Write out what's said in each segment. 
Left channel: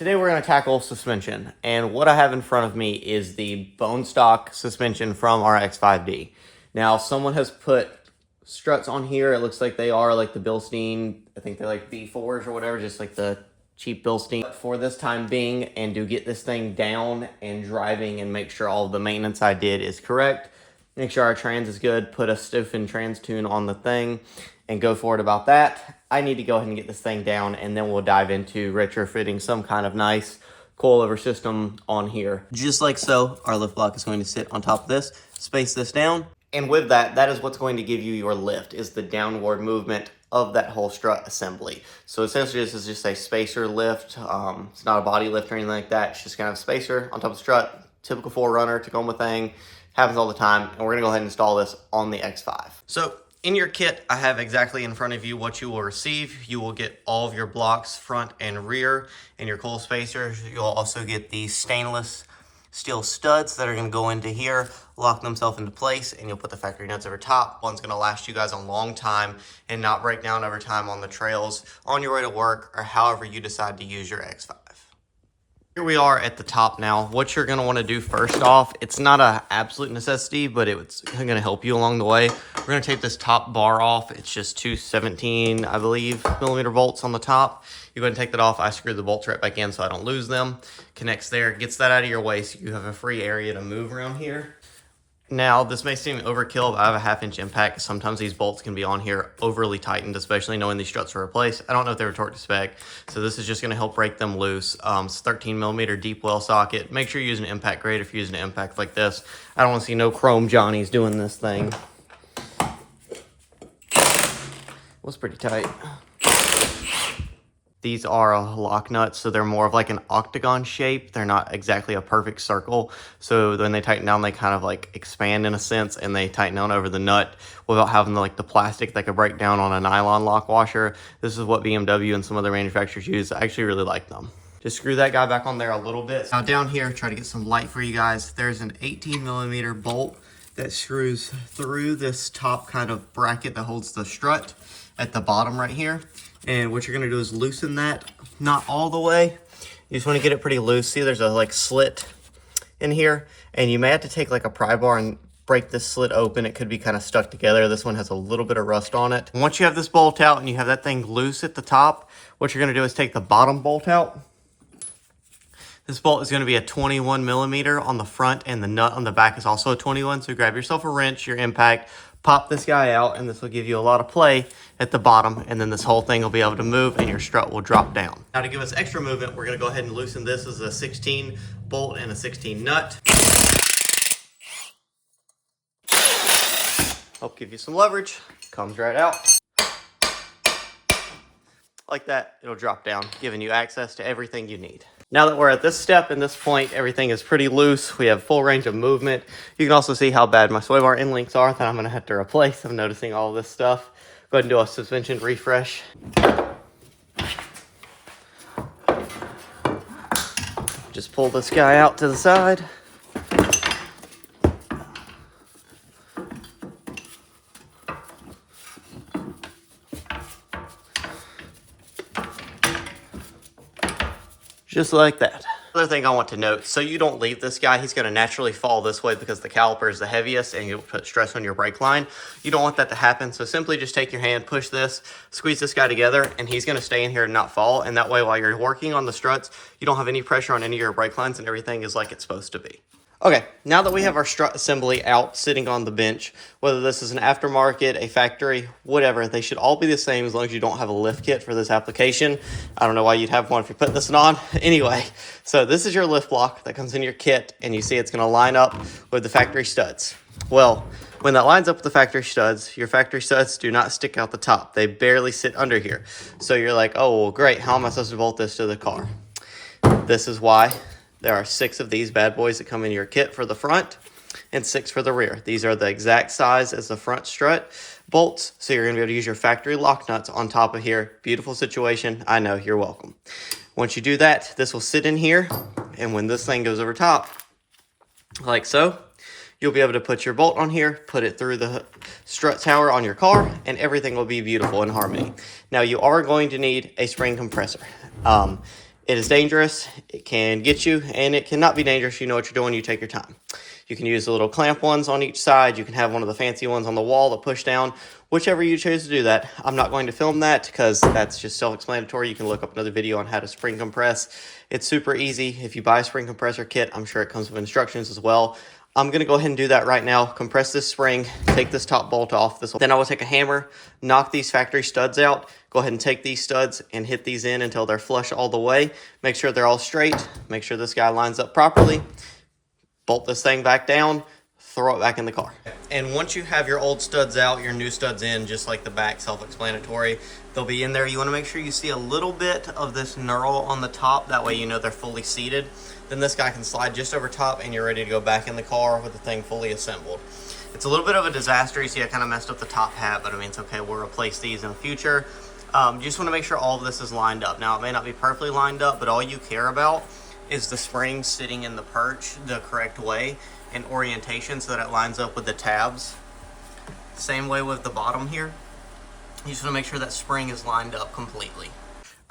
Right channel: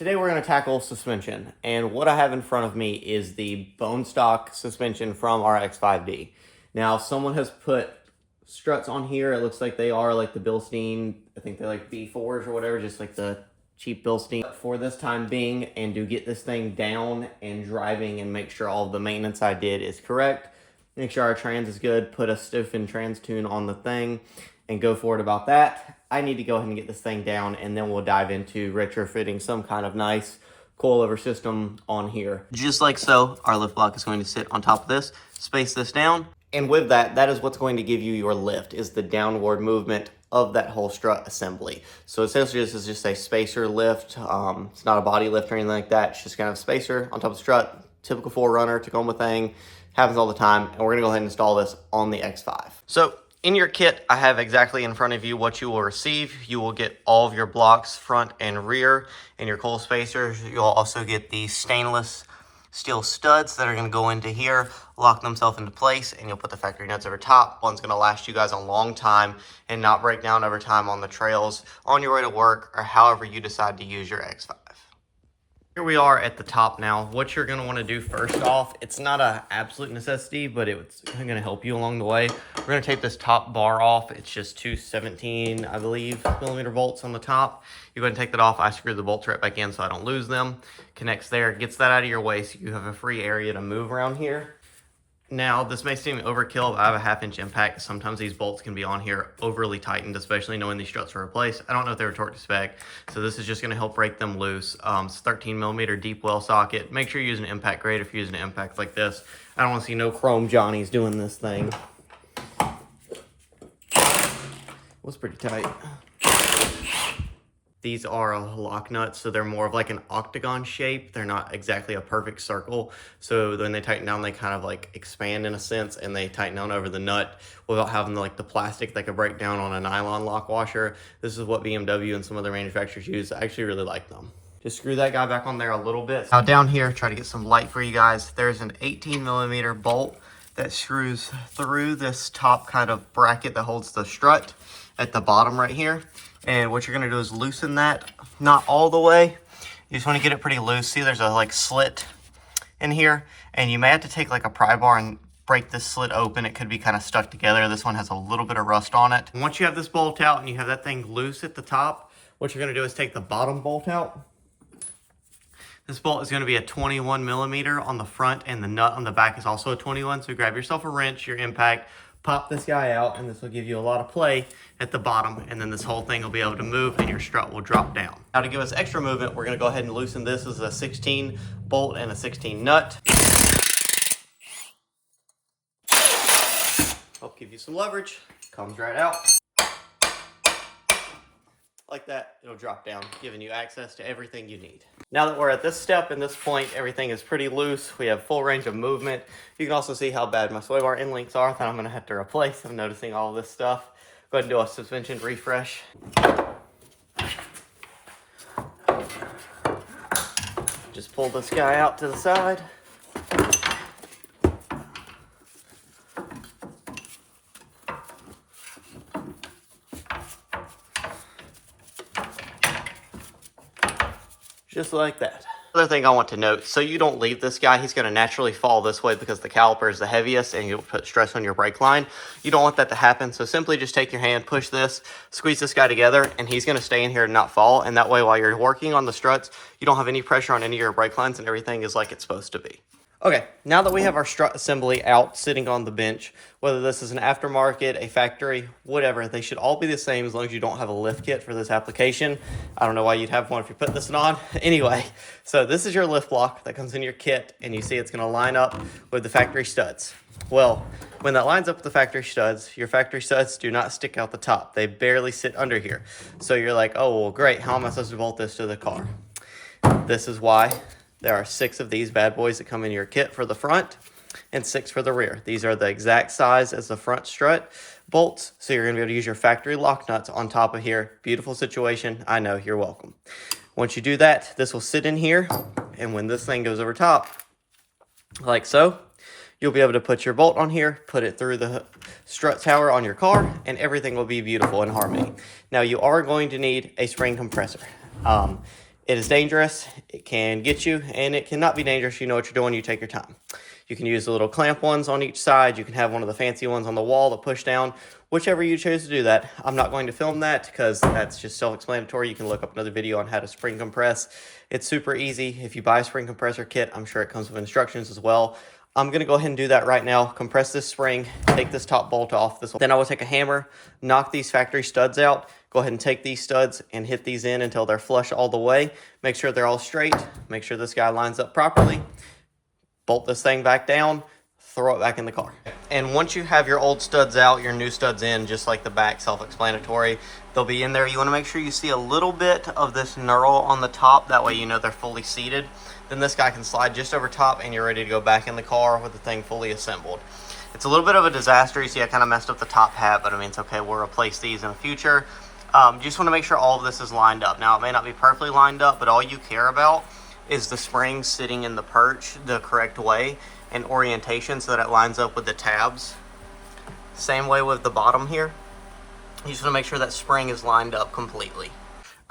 Today we're going to tackle suspension, and what I have in front of me is the bone stock suspension from our X5D. Now, someone has put struts on here. It looks like they are like the Bilstein, I think they're like B4s or whatever, just like the cheap Bilstein for this time being, and to get this thing down and driving and make sure all the maintenance I did is correct, make sure our trans is good, put a stiffened trans tune on the thing, and go forward about that. I need to go ahead and get this thing down, and then we'll dive into retrofitting some kind of nice coilover system on here. Just like so, our lift block is going to sit on top of this, space this down, and with that, that is what's going to give you your lift, is the downward movement of that whole strut assembly. So essentially this is just a spacer lift. It's not a body lift or anything like that. It's just kind of a spacer on top of the strut, typical 4Runner, Tacoma thing, happens all the time, and we're gonna go ahead and install this on the X5. So in your kit, I have exactly in front of you what you will receive. You will get all of your blocks, front and rear, and your coil spacers. You'll also get the stainless steel studs that are going to go into here, lock themselves into place, and you'll put the factory nuts over top. One's going to last you guys a long time and not break down over time on the trails, on your way to work, or however you decide to use your X5. Here we are at the top now. What you're going to want to do first off, it's not an absolute necessity, but it's going to help you along the way. We're going to take this top bar off. It's just two 17, I believe, millimeter bolts on the top. You go ahead and take that off. I screwed the bolts right back in so I don't lose them. Connects there, gets that out of your way so you have a free area to move around here. Now, this may seem overkill, but I have a 1/2 inch impact. Sometimes these bolts can be on here overly tightened, especially knowing these struts are replaced. I don't know if they were torqued to spec, so this is just going to help break them loose. It's 13 millimeter deep well socket. Make sure you're using an impact grade if you're using an impact like this. I don't want to see no chrome Johnnies doing this thing. Was pretty tight. These are lock nuts, so they're more of like an octagon shape. They're not exactly a perfect circle. So when they tighten down, they kind of like expand in a sense, and they tighten down over the nut without having the plastic that could break down on a nylon lock washer. This is what BMW and some other manufacturers use. I actually really like them. Just screw that guy back on there a little bit. Now down here, try to get some light for you guys. There's an 18 millimeter bolt that screws through this top kind of bracket that holds the strut at the bottom right here. And what you're gonna do is loosen that, not all the way. You just wanna get it pretty loose. See, there's a slit in here, and you may have to take like a pry bar and break this slit open. It could be kind of stuck together. This one has a little bit of rust on it. And once you have this bolt out and you have that thing loose at the top, what you're gonna do is take the bottom bolt out. This bolt is gonna be a 21 millimeter on the front, and the nut on the back is also a 21. So grab yourself a wrench, your impact, pop this guy out, and this will give you a lot of play at the bottom, and then this whole thing will be able to move and your strut will drop down. Now to give us extra movement, we're gonna go ahead and loosen this. This is a 16 bolt and a 16 nut. Help give you some leverage. Comes right out. Like that, it'll drop down, giving you access to everything you need. Now that we're at this step and this point, everything is pretty loose. We have full range of movement. You can also see how bad my sway bar end links are that I'm gonna have to replace. I'm noticing all this stuff. Go ahead and do a suspension refresh. Just pull this guy out to the side. Just like that. Other thing I want to note, so you don't leave this guy, he's going to naturally fall this way because the caliper is the heaviest and you'll put stress on your brake line. You don't want that to happen, so simply just take your hand, push this, squeeze this guy together, and he's going to stay in here and not fall. And that way, while you're working on the struts, you don't have any pressure on any of your brake lines and everything is like it's supposed to be. Okay, now that we have our strut assembly out sitting on the bench, whether this is an aftermarket, a factory, whatever, they should all be the same as long as you don't have a lift kit for this application. I don't know why you'd have one if you're putting this on. Anyway, so this is your lift block that comes in your kit, and you see it's going to line up with the factory studs. Well, when that lines up with the factory studs, your factory studs do not stick out the top. They barely sit under here. So you're like, oh, well, great, how am I supposed to bolt this to the car? This is why. There are 6 of these bad boys that come in your kit for the front and 6 for the rear. These are the exact size as the front strut bolts, so you're going to be able to use your factory lock nuts on top of here. Beautiful situation. I know, you're welcome. Once you do that, this will sit in here, and when this thing goes over top, like so, you'll be able to put your bolt on here, put it through the strut tower on your car, and everything will be beautiful in harmony. Now, you are going to need a spring compressor. It is dangerous, it can get you, and it cannot be dangerous. You know what you're doing, you take your time. You can use the little clamp ones on each side. You can have one of the fancy ones on the wall that push down. Whichever you choose to do that. I'm not going to film that because that's just self-explanatory. You can look up another video on how to spring compress. It's super easy. If you buy a spring compressor kit, I'm sure it comes with instructions as well. I'm going to go ahead and do that right now. Compress this spring, take this top bolt off. Then I will take a hammer, knock these factory studs out. Go ahead and take these studs and hit these in until they're flush all the way. Make sure they're all straight. Make sure this guy lines up properly. Bolt this thing back down, throw it back in the car. And once you have your old studs out, your new studs in, just like the back, self-explanatory, they'll be in there. You want to make sure you see a little bit of this knurl on the top. That way you know they're fully seated. Then this guy can slide just over top and you're ready to go back in the car with the thing fully assembled. It's a little bit of a disaster. You see I kind of messed up the top hat, but I mean, it's okay. We'll replace these in the future. You just want to make sure all of this is lined up. Now, it may not be perfectly lined up, but all you care about is the spring sitting in the perch the correct way and orientation so that it lines up with the tabs. Same way with the bottom here. You just want to make sure that spring is lined up completely.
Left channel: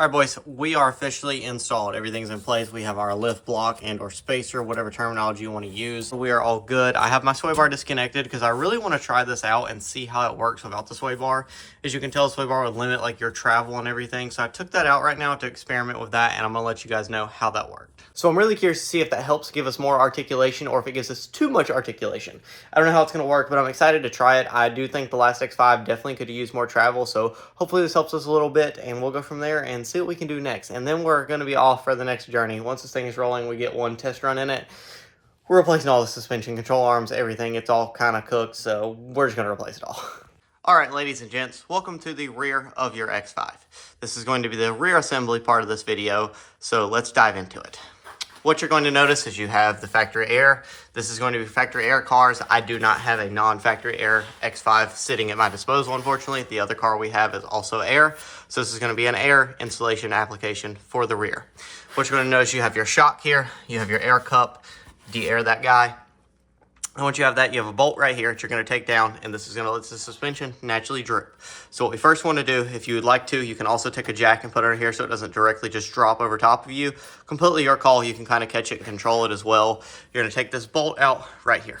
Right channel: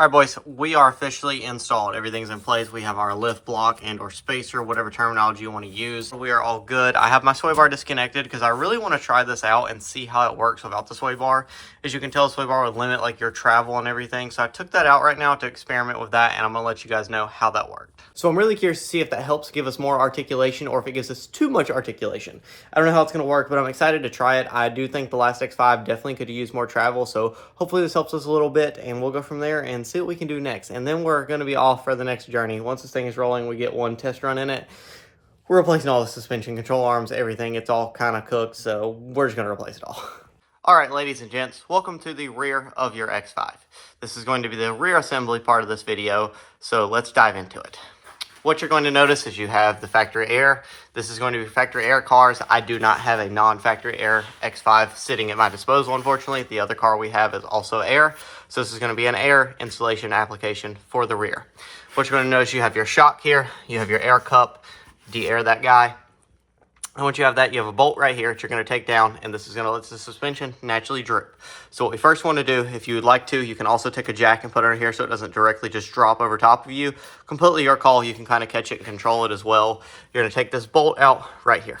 All right, boys, we are officially installed. Everything's in place. We have our lift block and or spacer, whatever terminology you want to use. We are all good. I have my sway bar disconnected because I really want to try this out and see how it works without the sway bar. As you can tell, the sway bar would limit like your travel and everything. So I took that out right now to experiment with that, and I'm going to let you guys know how that worked. So I'm really curious to see if that helps give us more articulation or if it gives us too much articulation. I don't know how it's going to work, but I'm excited to try it. I do think the last X5 definitely could use more travel, so hopefully this helps us a little bit, and we'll go from there and see what we can do next. And then we're going to be off for the next journey. Once this thing is rolling, we get one test run in it. We're replacing all the suspension, control arms, everything. It's all kind of cooked, so we're just going to replace it all. All right, ladies and gents, welcome to the rear of your X5. This is going to be the rear assembly part of this video, so let's dive into it. What you're going to notice is you have the factory air. This is going to be factory air cars. I do not have a non-factory air X5 sitting at my disposal, unfortunately. The other car we have is also air. So this is going to be an air installation application for the rear. What you're going to notice, you have your shock here. You have your air cup, de-air that guy. And once you have that, you have a bolt right here that you're going to take down, and this is going to let the suspension naturally droop. So what we first want to do, if you would like to, you can also take a jack and put it under here so it doesn't directly just drop over top of you. Completely your call. You can kind of catch it and control it as well. You're going to take this bolt out right here.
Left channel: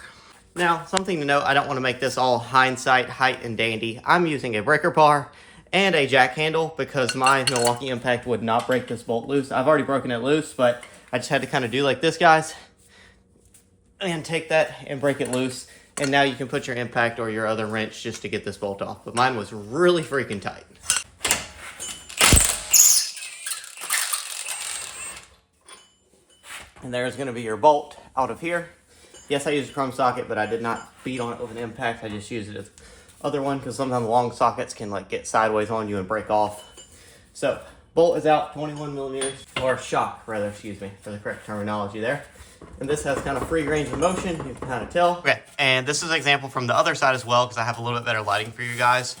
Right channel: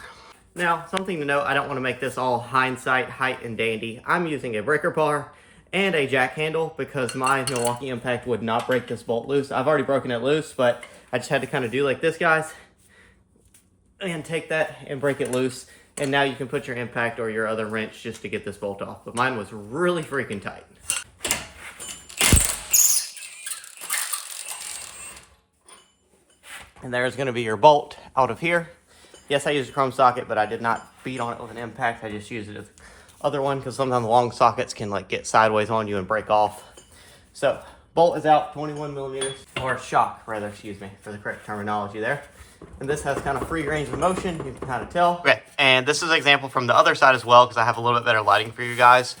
Now, something to note, I don't want to make this all hindsight, height, and dandy. I'm using a breaker bar and a jack handle because my Milwaukee Impact would not break this bolt loose. I've already broken it loose, but I just had to kind of do like this, guys. And take that and break it loose, and now you can put your impact or your other wrench just to get this bolt off, but mine was really freaking tight. And there's going to be your bolt out of here. Yes, I used a chrome socket, but I did not beat on it with an impact. I just used it as other one because sometimes long sockets can like get sideways on you and break off. So bolt is out, 21 millimeters, or shock rather, excuse me, for the correct terminology there. And this has kind of free range of motion, you can kind of tell. Okay, and this is an example from the other side as well because I have a little bit better lighting for you guys.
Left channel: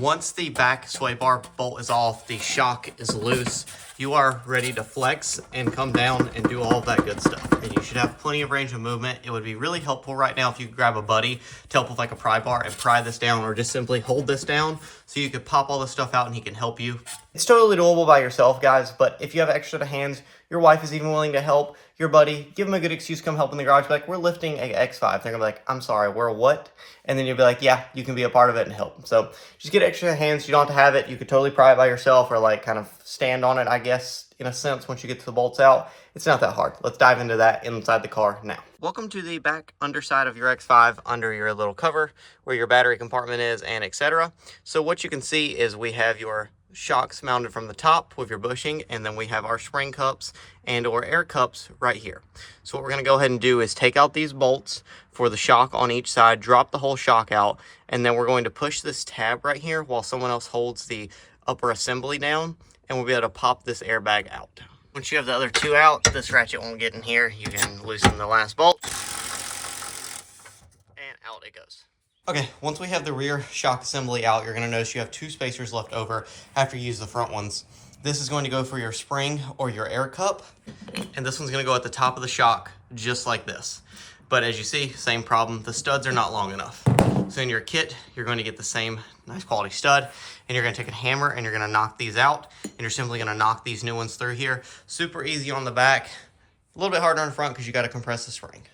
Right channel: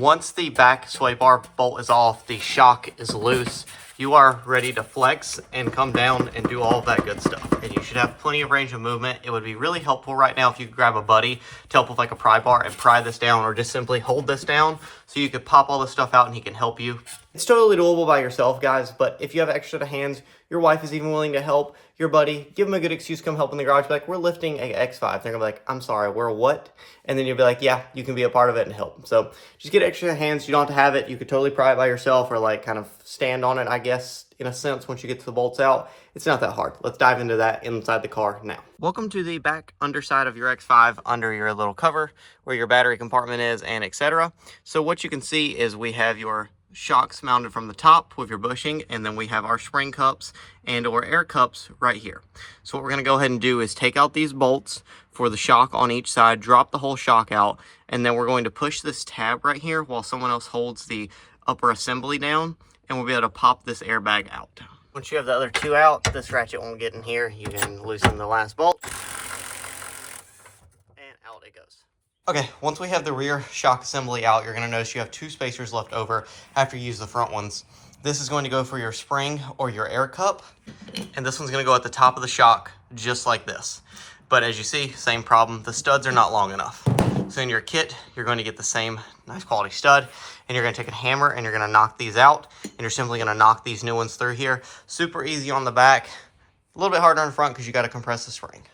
Once the back sway bar bolt is off, the shock is loose, you are ready to flex and come down and do all of that good stuff. And you should have plenty of range of movement. It would be really helpful right now if you could grab a buddy to help with like a pry bar and pry this down, or just simply hold this down so you could pop all this stuff out and he can help you. It's totally doable by yourself, guys, but if you have extra hands, your wife is even willing to help, your buddy, give them a good excuse, come help in the garage. Be like, we're lifting a X5. They're gonna be like, I'm sorry, we're what? And then you'll be like, yeah, you can be a part of it and help. So just get extra hands. You don't have to have it. You could totally pry it by yourself or like kind of stand on it, I guess, in a sense, once you get the bolts out. It's not that hard. Let's dive into that inside the car now. Welcome to the back underside of your X5 under your little cover where your battery compartment is and etc. So what you can see is we have your shocks mounted from the top with your bushing, and then we have our spring cups and or air cups right here. So what we're going to go ahead and do is take out these bolts for the shock on each side, drop the whole shock out, and then we're going to push this tab right here while someone else holds the upper assembly down, and we'll be able to pop this airbag out. Once you have the other two out, this ratchet won't get in here. You can loosen the last bolt, and out it goes. Okay, once we have the rear shock assembly out, you're going to notice you have two spacers left over after you use the front ones. This is going to go for your spring or your air cup, and this one's going to go at the top of the shock, just like this. But as you see, same problem, the studs are not long enough. So in your kit, you're going to get the same nice quality stud, and you're going to take a hammer and you're going to knock these out, and you're simply going to knock these new ones through here. Super easy on the back, a little bit harder on the front because you got to compress the spring.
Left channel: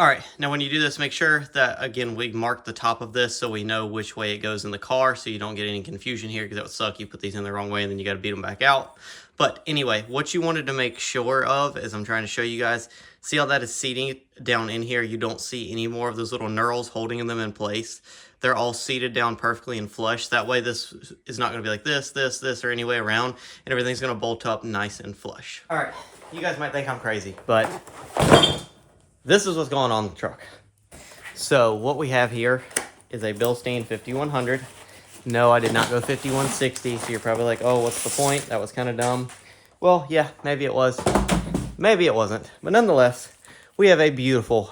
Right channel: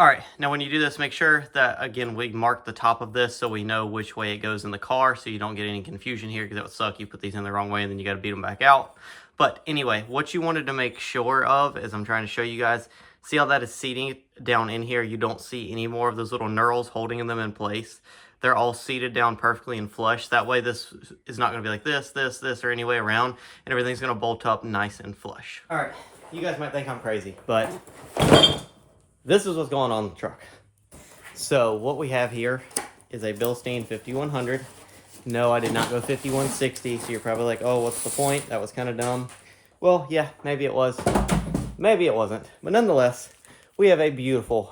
All right, now when you do this, make sure that, again, we mark the top of this so we know which way it goes in the car so you don't get any confusion here, because that would suck. You put these in the wrong way and then you got to beat them back out. But anyway, what you wanted to make sure of, as I'm trying to show you guys, see how that is seating down in here? You don't see any more of those little knurls holding them in place. They're all seated down perfectly and flush. That way this is not going to be like this, or any way around, and everything's going to bolt up nice and flush. All right, you guys might think I'm crazy, but this is what's going on in the truck. So what we have here is a Bilstein 5100. No, I did not go 5160, so you're probably like, oh, what's the point? That was kind of dumb. Well, yeah, maybe it was. Maybe it wasn't. But nonetheless, we have a beautiful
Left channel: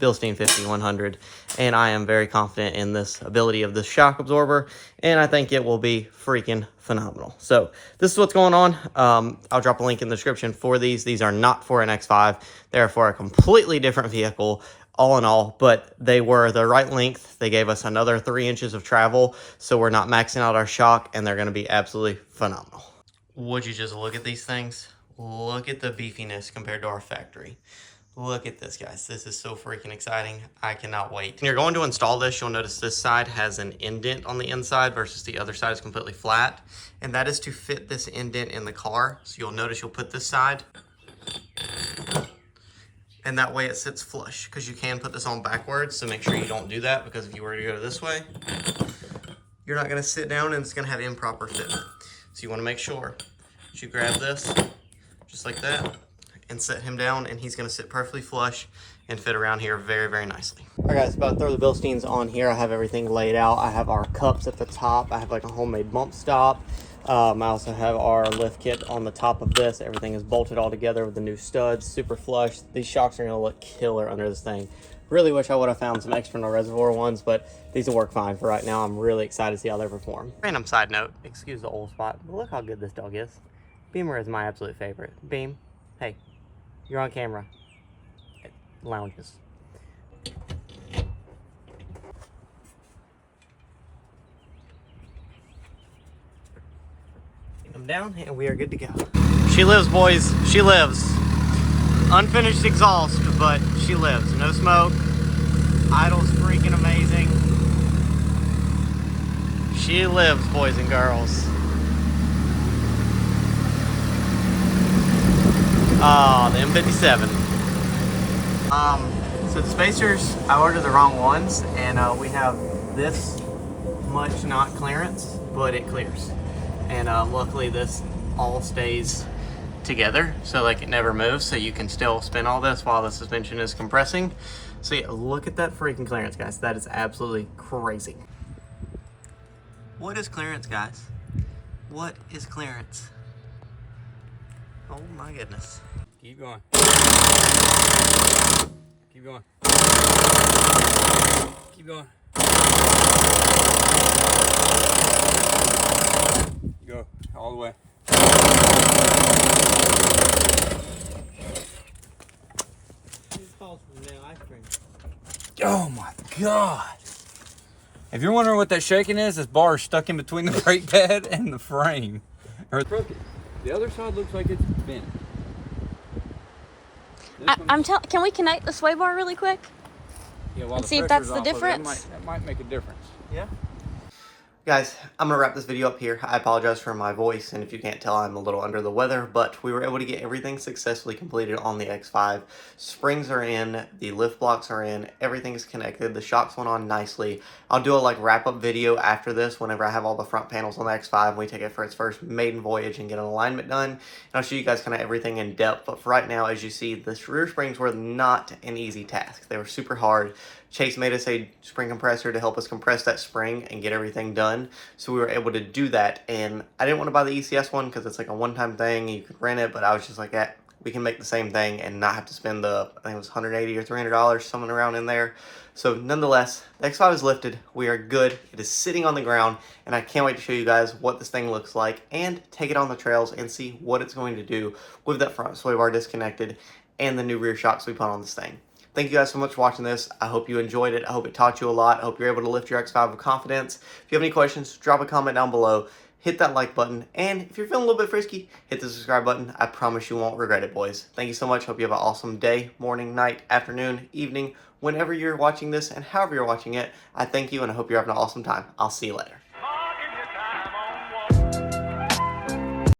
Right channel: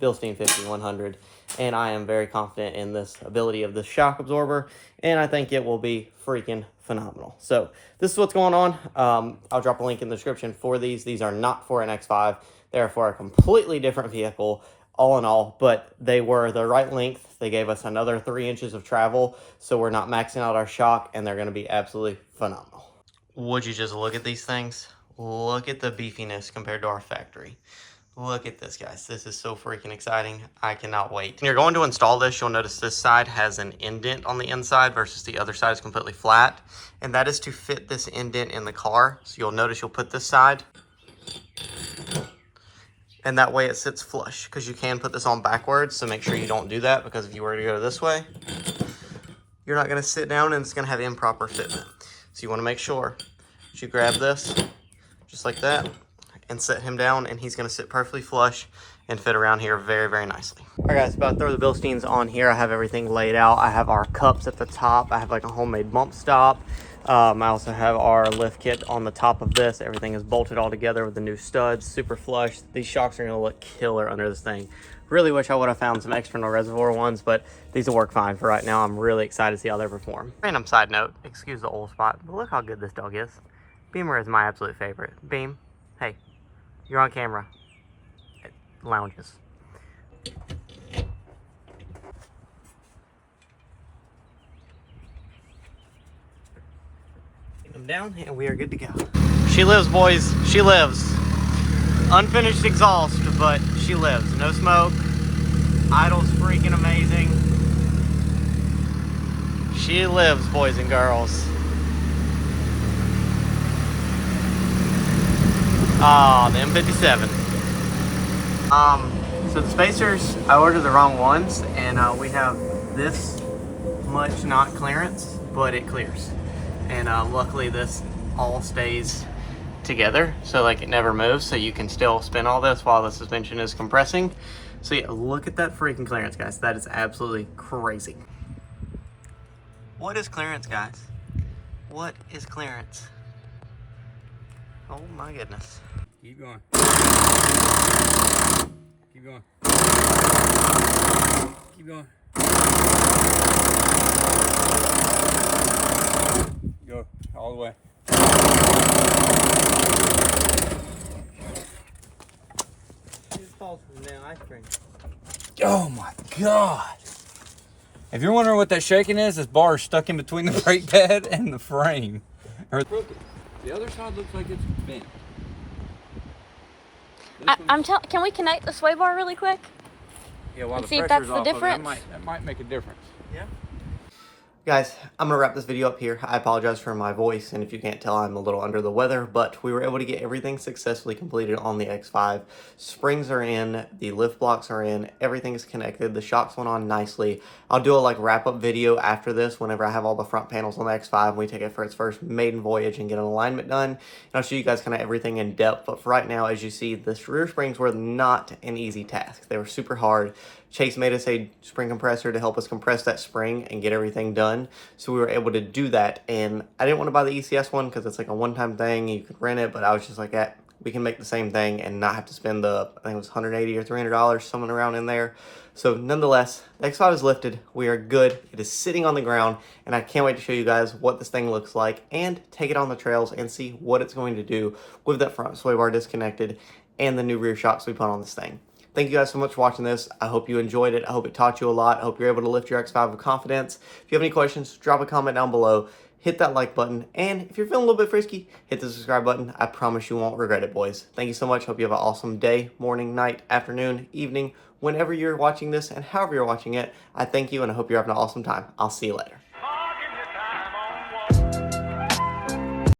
Bilstein 5100, and I am very confident in this ability of this shock absorber, and I think it will be freaking phenomenal. So this is what's going on. I'll drop a link in the description for these. These are not for an X5. They're for a completely different vehicle, all in all, but they were the right length. They gave us another 3 inches of travel, so we're not maxing out our shock, and they're going to be absolutely phenomenal. Would you just look at these things? Look at the beefiness compared to our factory. Look at this, guys. This is so freaking exciting. I cannot wait. When you're going to install this, you'll notice this side has an indent on the inside versus the other side is completely flat. And that is to fit this indent in the car. So you'll notice you'll put this side, and that way it sits flush, because you can put this on backwards. So make sure you don't do that, because if you were to go this way, you're not going to sit down and it's going to have improper fitment. So you want to make sure that you grab this just like that and set him down, and he's going to sit perfectly flush and fit around here very, very nicely. All right, guys, about to throw the Bilsteins on here. I have everything laid out. I have our cups at the top. I have like a homemade bump stop. I also have our lift kit on the top of this. Everything is bolted all together with the new studs, super flush. These shocks are going to look killer under this thing. Really wish I would have found some external reservoir ones, but these will work fine for right now. I'm really excited to see how they perform. Random side note, excuse the old spot, but look how good this dog is. Beamer is my absolute favorite. Beam, hey, you're on camera. It lounges. Take them down, and we are good to go. She lives, boys. She lives. Unfinished exhaust, but she lives. No smoke. Idle's freaking amazing. She lives, boys and girls. Oh, the M57. So the spacers, I ordered the wrong ones, and we have this much not clearance, but it clears. And luckily this all stays together, so like it never moves, so you can still spin all this while the suspension is compressing. So yeah, look at that freaking clearance, guys. That is absolutely crazy. What is clearance, guys? What is clearance? Oh my goodness. Keep going. Keep going. Keep going. Go all the way. Oh my God. If you're wondering what that shaking is, this bar is stuck in between the brake pad and the frame. Or crooked. The other side looks like it's bent. Can we connect the sway bar really quick? Yeah, while and the see if that's the pressure's off of it, difference? that might make a difference. Yeah. Guys, I'm gonna wrap this video up here. I apologize for my voice, and if you can't tell, I'm a little under the weather, but we were able to get everything successfully completed on the X5. Springs are in, the lift blocks are in, everything's connected, the shocks went on nicely. I'll do a wrap-up video after this whenever I have all the front panels on the X5 and we take it for its first maiden voyage and get an alignment done. And I'll show you guys kind of everything in depth, but for right now, as you see, the rear springs were not an easy task. They were super hard. Chase made us a spring compressor to help us compress that spring and get everything done. So we were able to do that. And I didn't want to buy the ECS one because it's like a one-time thing. You could rent it, but I was just like, we can make the same thing and not have to spend I think it was $180 or $300, something around in there. So nonetheless, the X5 is lifted. We are good. It is sitting on the ground, and I can't wait to show you guys what this thing looks like and take it on the trails and see what it's going to do with that front sway bar disconnected and the new rear shocks we put on this thing. Thank you guys so much for watching this. I hope you enjoyed it. I hope it taught you a lot. I hope you're able to lift your X5 with confidence. If you have any questions, drop a comment down below. Hit that like button. And if you're feeling a little bit frisky, hit the subscribe button. I promise you won't regret it, boys. Thank you so much. Hope you have an awesome day, morning, night, afternoon, evening, whenever you're watching this and however you're watching it. I thank you and I hope you're having an awesome time. I'll see you later.